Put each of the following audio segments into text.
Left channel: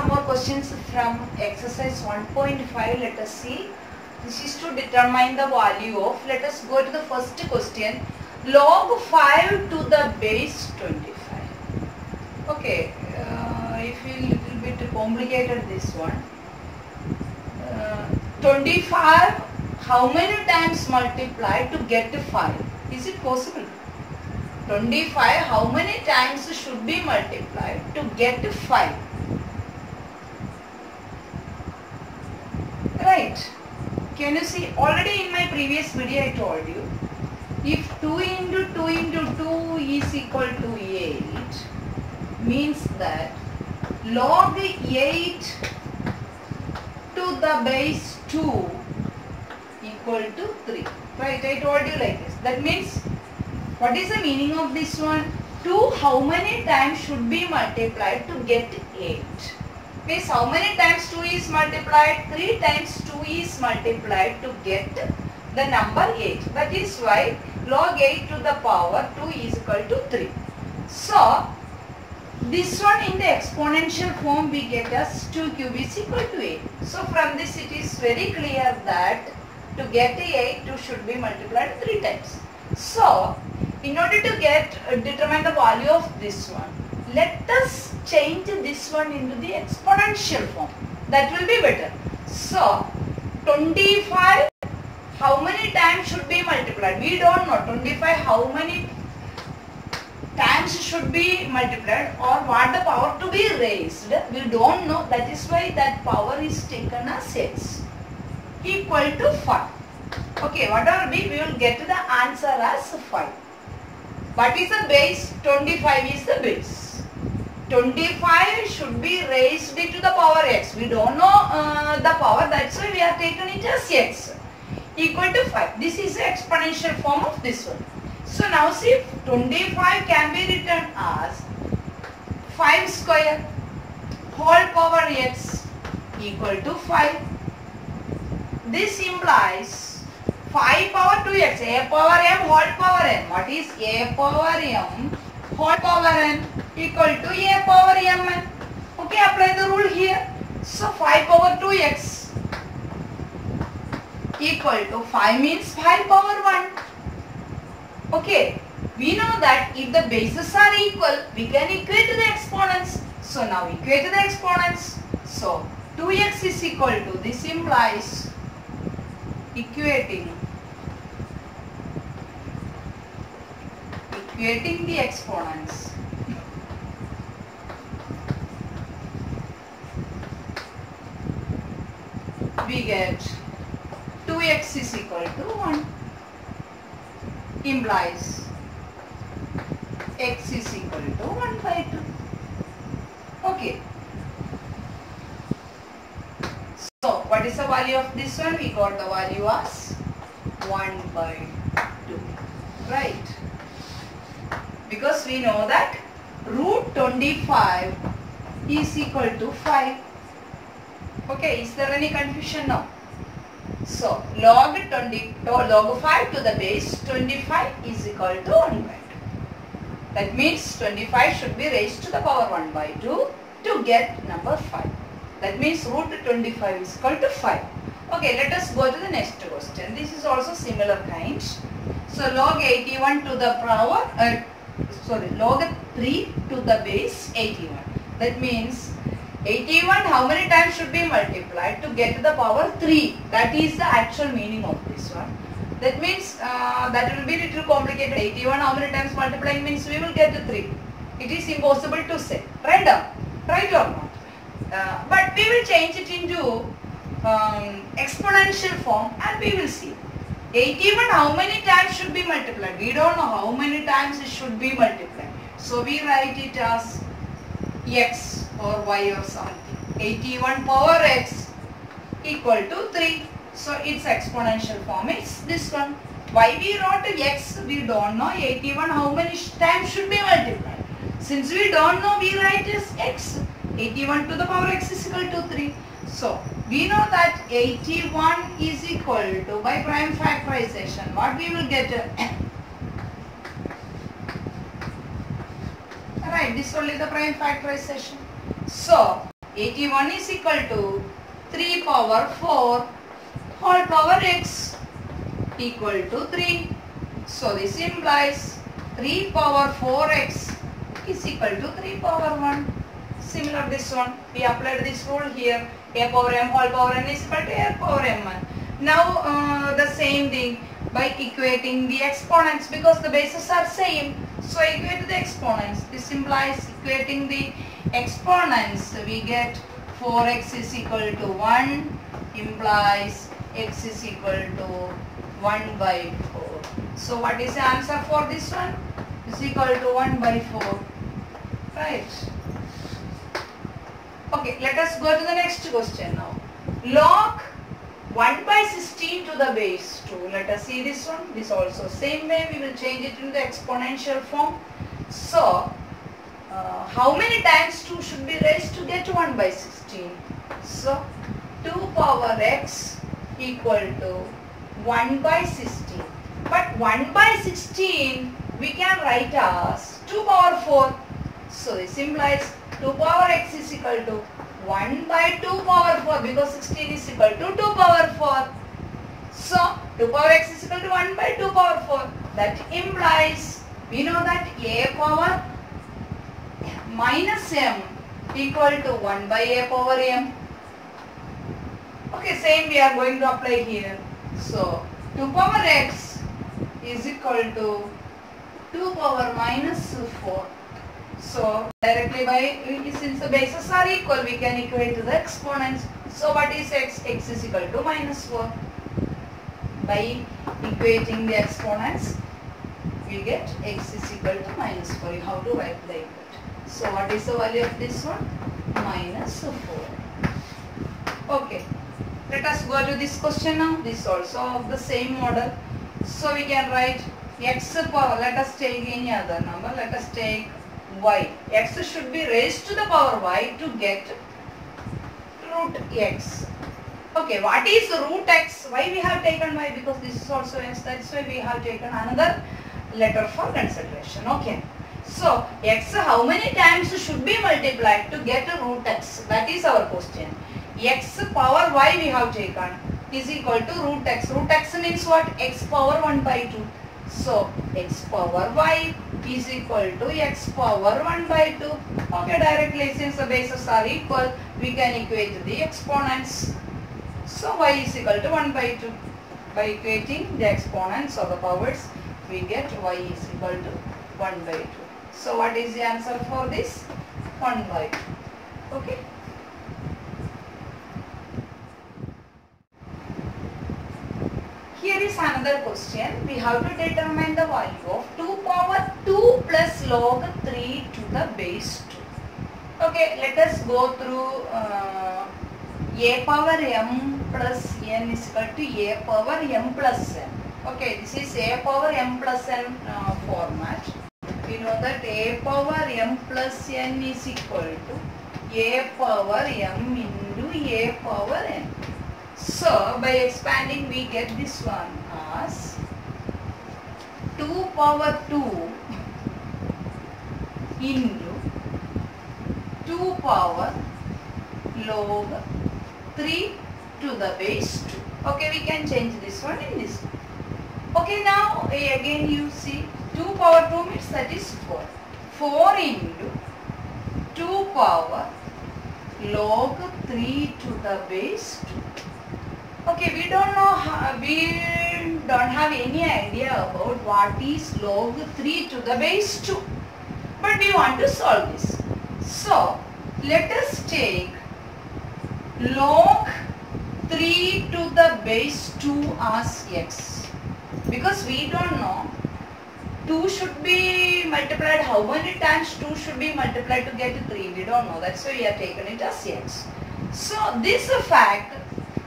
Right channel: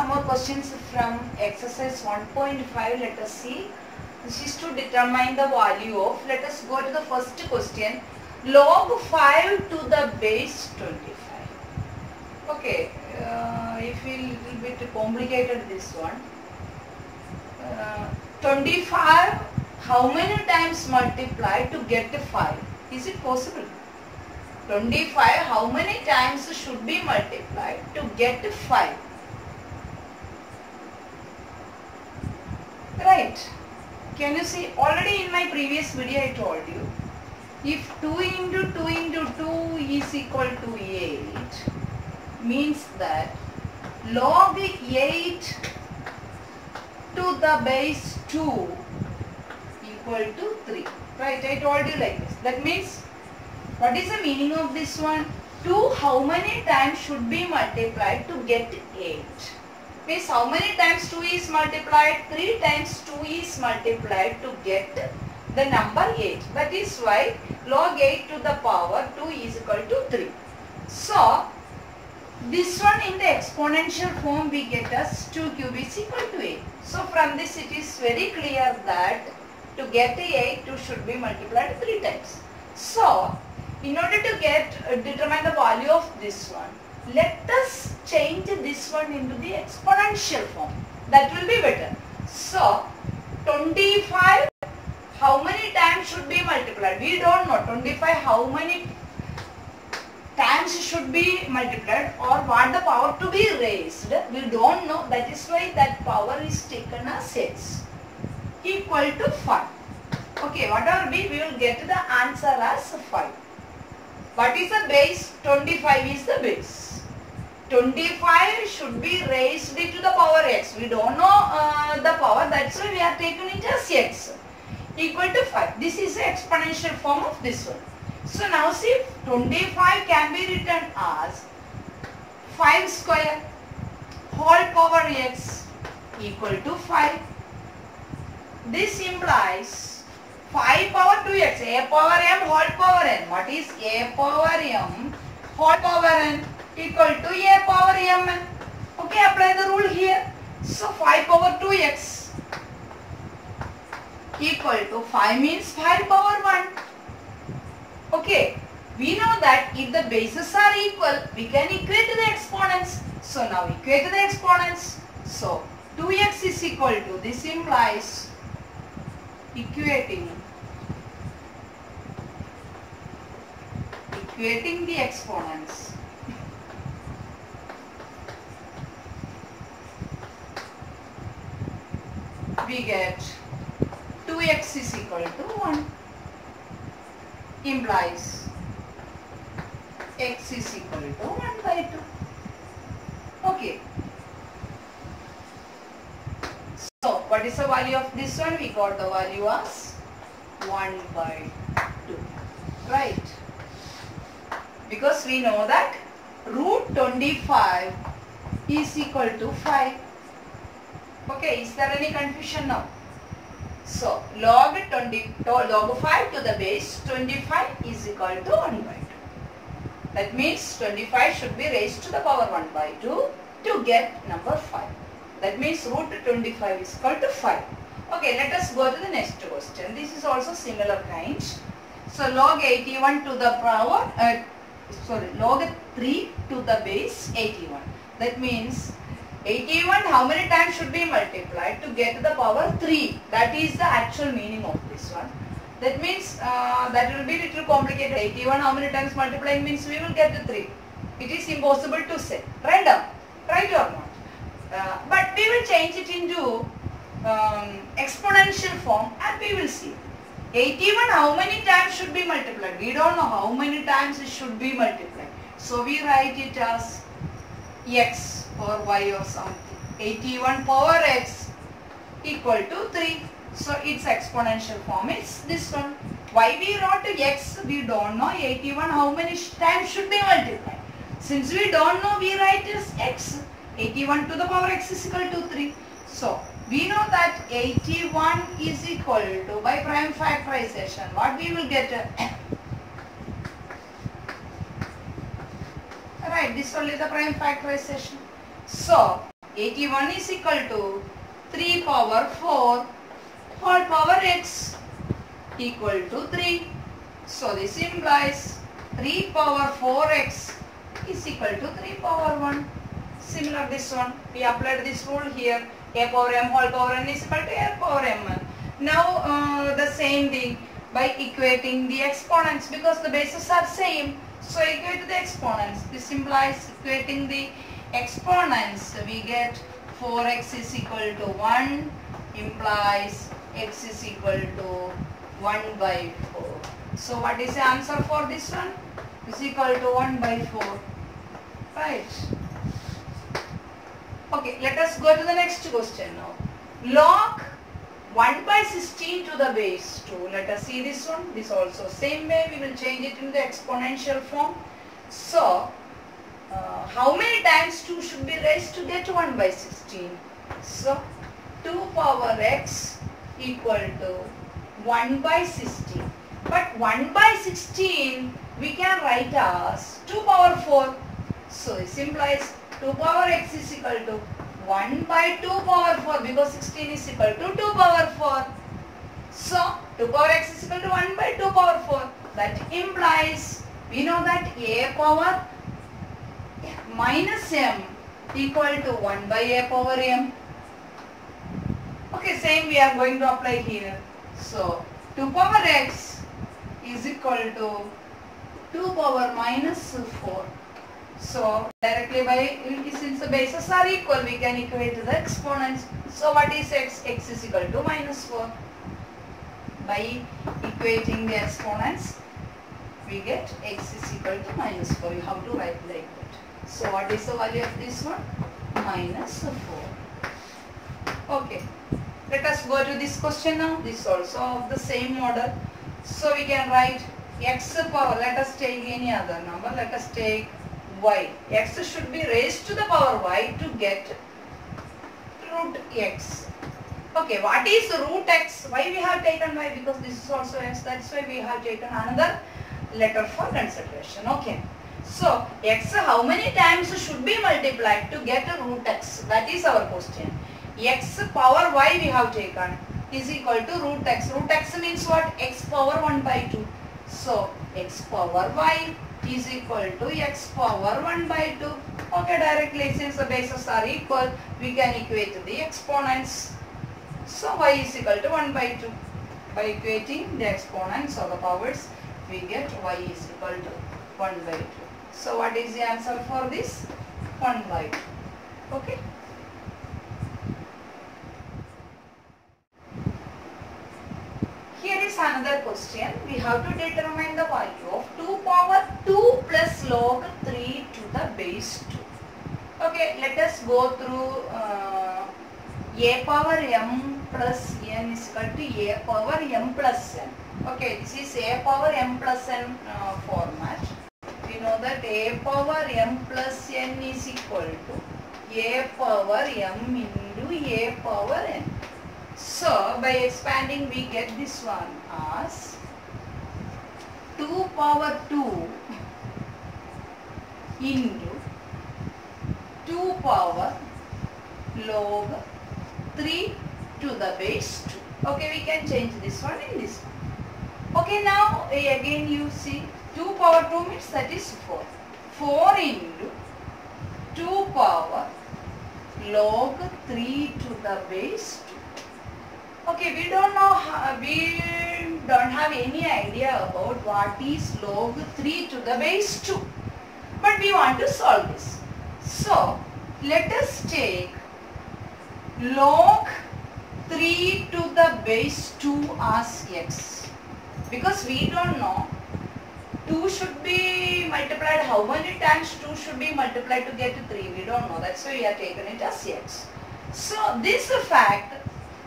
some more questions from exercise 1.5. Let us see. This is to determine the value of. Let us go to the first question. Log 5 to the base 25. Okay, if we little bit complicated this one. 25. How many times multiply to get 5? Is it possible? 25, how many times should be multiplied to get 5? Right. Can you see? Already in my previous video I told you, if 2 into 2 into 2 is equal to 8, means that log 8 to the base 2 equal to 3. Right, I told you like this. That means, what is the meaning of this one? 2 how many times should be multiplied to get 8? Means how many times 2 is multiplied? 3 times 2 is multiplied to get the number 8. That is why log 8 to the power 2 is equal to 3. So, this one in the exponential form we get as 2 cube is equal to 8. So, from this it is very clear that to get 8, 2 should be multiplied 3 times. So, in order to determine the value of this one, let us change this one into the exponential form. That will be better. So, 25, how many times should be multiplied? We don't know. 25, how many times should be multiplied or what the power to be raised? We don't know. That is why that power is taken as x equal to 5. Okay, whatever be, we will get the answer as 5. What is the base? 25 is the base. 25 should be raised to the power x. We don't know the power, that's why we have taken it as x equal to 5. This is the exponential form of this one. So now see, 25 can be written as 5 square whole power x equal to 5. This implies 5 power 2x, a power m whole power n. What is a power m whole power n? Equal to a power mn. Okay, apply the rule here. So 5 power 2x equal to 5 means 5 power 1. Okay, we know that if the bases are equal, we can equate the exponents. So now equate the exponents. So 2x is equal to, this implies equating the exponents. We get 2x is equal to 1 implies x is equal to 1 by 2. Okay. So, what is the value of this one? We got the value as 1 by 2. Right. Because we know that root 25 is equal to 5. Okay, is there any confusion now? So, log 5 to the base 25 is equal to 1 by 2. That means 25 should be raised to the power 1 by 2 to get number 5. That means root 25 is equal to 5. Okay, let us go to the next question. This is also similar kind. So, log 81 to the power, log 3 to the base 81. That means 81 how many times should be multiplied to get to the power 3? That is the actual meaning of this one. That means that will be little complicated. 81 how many times multiplying means we will get the 3. It is impossible to say. Random, right or not? But we will change it into exponential form and we will see. 81 how many times should be multiplied? We don't know how many times it should be multiplied. So we write it as x or y or something. 81 power x equal to 3. So its exponential form is this one. Why we wrote x? We don't know. 81 how many times should be multiplied? Since we don't know, we write as x. 81 to the power x is equal to 3. So we know that 81 is equal to, by prime factorization, what we will get? Right, this only the prime factorization. So 81 is equal to 3 power 4 whole power x equal to 3. So this implies 3 power 4x is equal to 3 power 1. Similar this one. We applied this rule here. A power m whole power n is equal to a power m. Now the same thing by equating the exponents because the bases are same. So equate the exponents. This implies equating the exponents. We get 4x is equal to 1 implies x is equal to 1 by 4. So what is the answer for this one? Is equal to 1 by 4. Right. Okay, let us go to the next question now. Log 1 by 16 to the base 2. Let us see this one. This also same way we will change it into the exponential form. So, how many times 2 should be raised to get 1 by 16? So, 2 power x equal to 1 by 16. But 1 by 16 we can write as 2 power 4. So, this implies 2 power x is equal to 1 by 2 power 4 because 16 is equal to 2 power 4. So, 2 power x is equal to 1 by 2 power 4. That implies, we know that a power minus m equal to 1 by a power m. Okay, same we are going to apply here. So, 2 power x is equal to 2 power minus 4. So, directly by, since the bases are equal, we can equate the exponents. So, what is x? X is equal to minus 4. By equating the exponents, we get x is equal to minus 4. You have to write like that. So, what is the value of this one? Minus 4. Okay. Let us go to this question now. This also of the same model. So, we can write x power. Let us take any other number. Let us take y. X should be raised to the power y to get root x. Okay, what is root x? Why we have taken y? Because this is also x. That's why we have taken another letter for consideration. Okay. So, x how many times should be multiplied to get a root x? That is our question. X power y we have taken is equal to root x. Root x means what? X power 1 by 2. So, x power y is equal to x power 1 by 2. Okay, directly since the bases are equal, we can equate the exponents. So, y is equal to 1 by 2. By equating the exponents of the powers, we get y is equal to 1 by 2. So, what is the answer for this? 1 by 2. Okay. Here is another question. We have to determine the value of 2 power 2 plus log 3 to the base 2. Okay, let us go through a power m plus n is equal to a power m plus n. Okay, this is a power m plus n format. We know that a power m plus n is equal to a power m into a power n. So, by expanding we get this one as 2 power 2 into 2 power log 3 to the base 2. Okay, we can change this one in this one. Okay, now again you see 2 power 2 means that is 4. 4 into 2 power log 3 to the base 2. Okay, we don't know, we don't have any idea about what is log 3 to the base 2. But we want to solve this. So, let us take log 3 to the base 2 as x. Because we don't know 2 should be multiplied, how many times 2 should be multiplied to get 3. We don't know. That's why we have taken it as x. So, this fact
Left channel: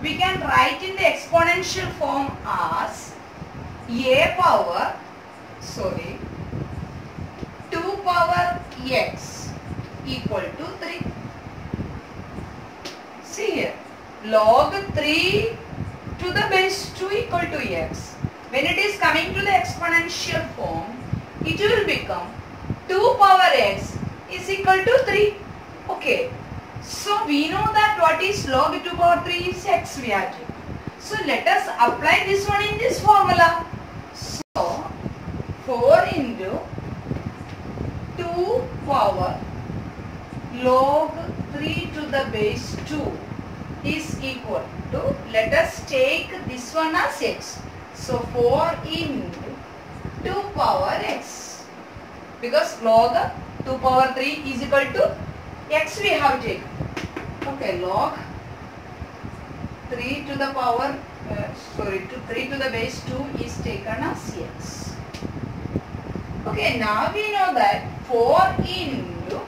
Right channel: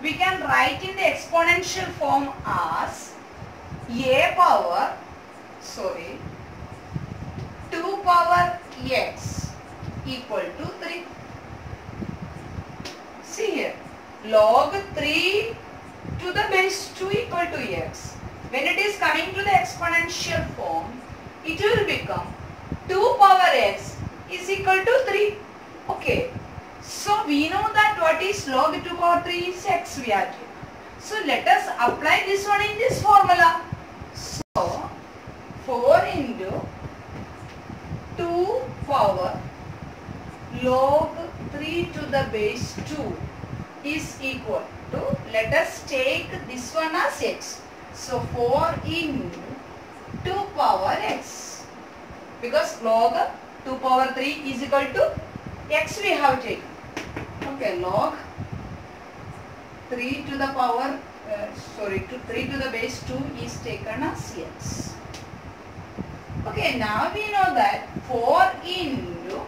we can write in the exponential form as a power, 2 power x equal to 3. See here, log 3 to the base 2 equal to x. When it is coming to the exponential form, it will become 2 power x is equal to 3. Okay. So we know that what is log 2 power 3 is x we are taking. So let us apply this one in this formula. So 4 into 2 power log 3 to the base 2 is equal to, let us take this one as x. So 4 into 2 power x, because log 2 power 3 is equal to x we have taken. Okay, log 3 to the power, 3 to the base 2 is taken as x. Okay, now we know that 4 into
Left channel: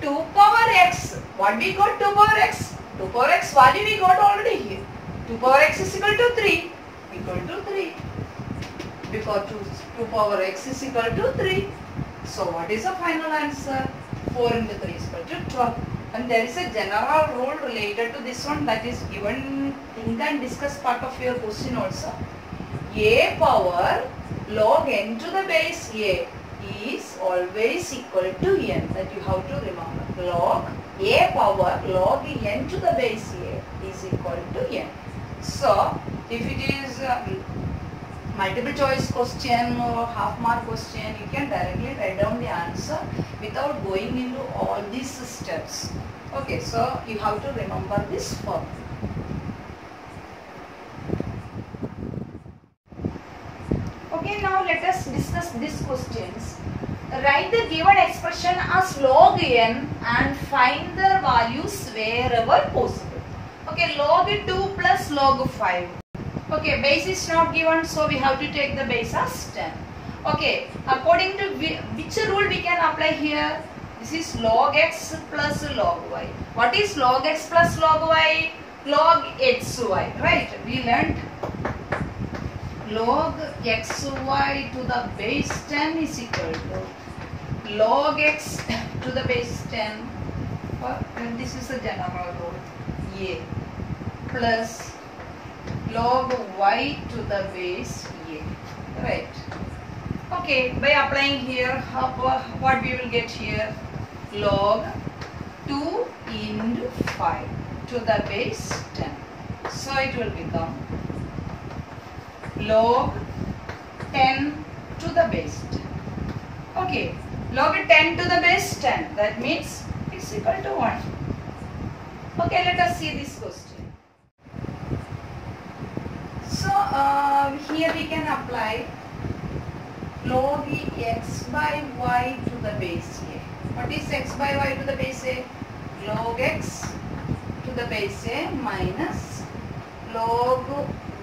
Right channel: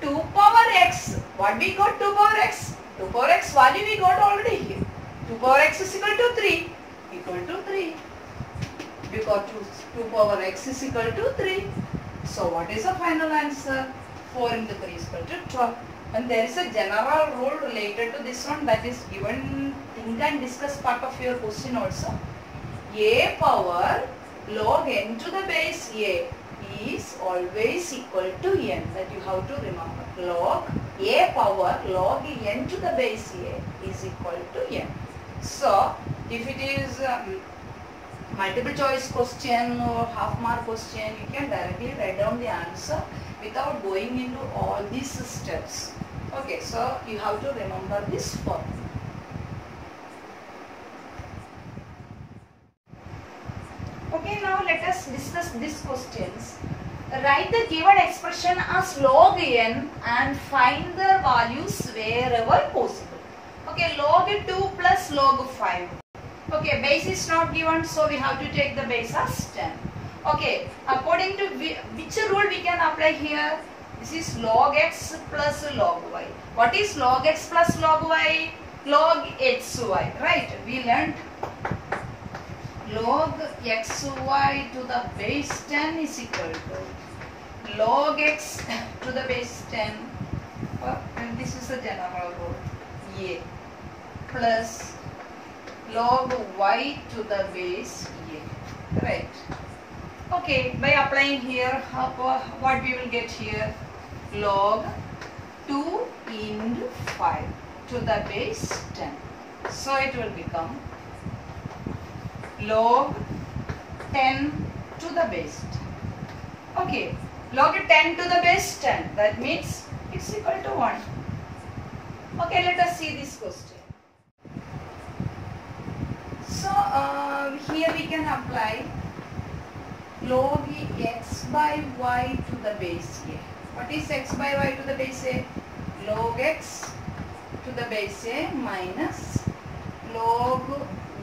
2 power x. What we got 2 power x? 2 power x value we got already here. 2 power x is equal to 3. Equal to 3. Because 2 power x is equal to 3. So what is the final answer? 4 into 3 is equal to 12. And there is a general rule related to this one, that is given think and discuss part of your question also. A power log n to the base a is always equal to n. That you have to remember. Log a power log n to the base a is equal to n. So if it is multiple choice question or half mark question, you can directly write down the answer without going into all these steps. Okay, so you have to remember this formula. Okay, now let us discuss these questions. Write the given expression as log n and find the values wherever possible. Okay, log 2 plus log 5. Okay, base is not given, so we have to take the base as 10. Okay, according to which rule we can apply here? This is log x plus log y. What is log x plus log y? Log xy, right? We learned log xy to the base 10 is equal to log x to the base 10. This is a general rule. A plus log y to the base a, right? Okay, by applying here, what we will get here? Log 2 into 5 to the base 10. So it will become log 10 to the base 10. Okay, log 10 to the base 10. That means it's equal to 1. Okay, let us see this question. So here we can apply log x by y to the base a. What is x by y to the base a? Log x to the base a minus log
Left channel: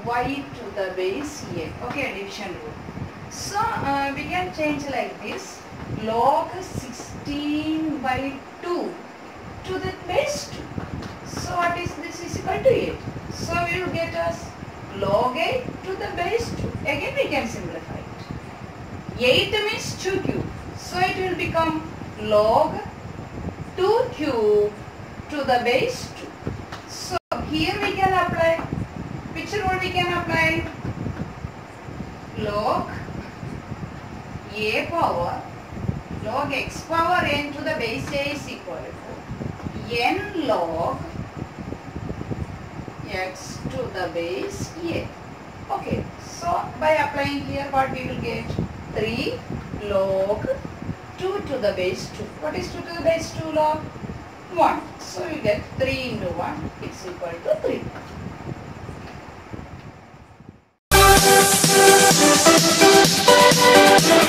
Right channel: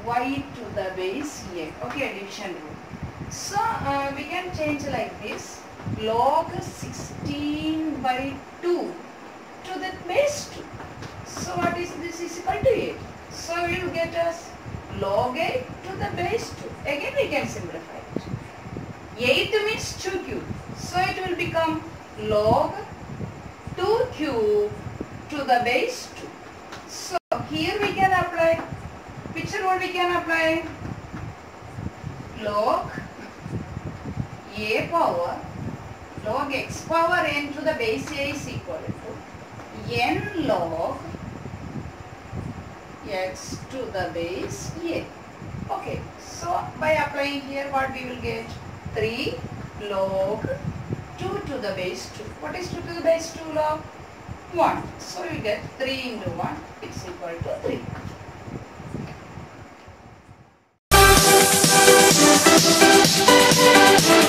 y to the base a. Okay, addition rule. So we can change like this. Log 16 by 2 to the base 2. So what is this is equal to 8. So we will get us log 8 to the base 2. Again we can simplify it. 8 means 2 cube. So it will become log 2 cube to the base 2. So here we can apply, which rule we can apply? Log a power log x power n to the base a is equal to n log x to the base a. Okay, so by applying here what we will get? 3 log 2 to the base 2. What is 2 to the base 2 log? 1. So we get 3 into 1 is equal to 3.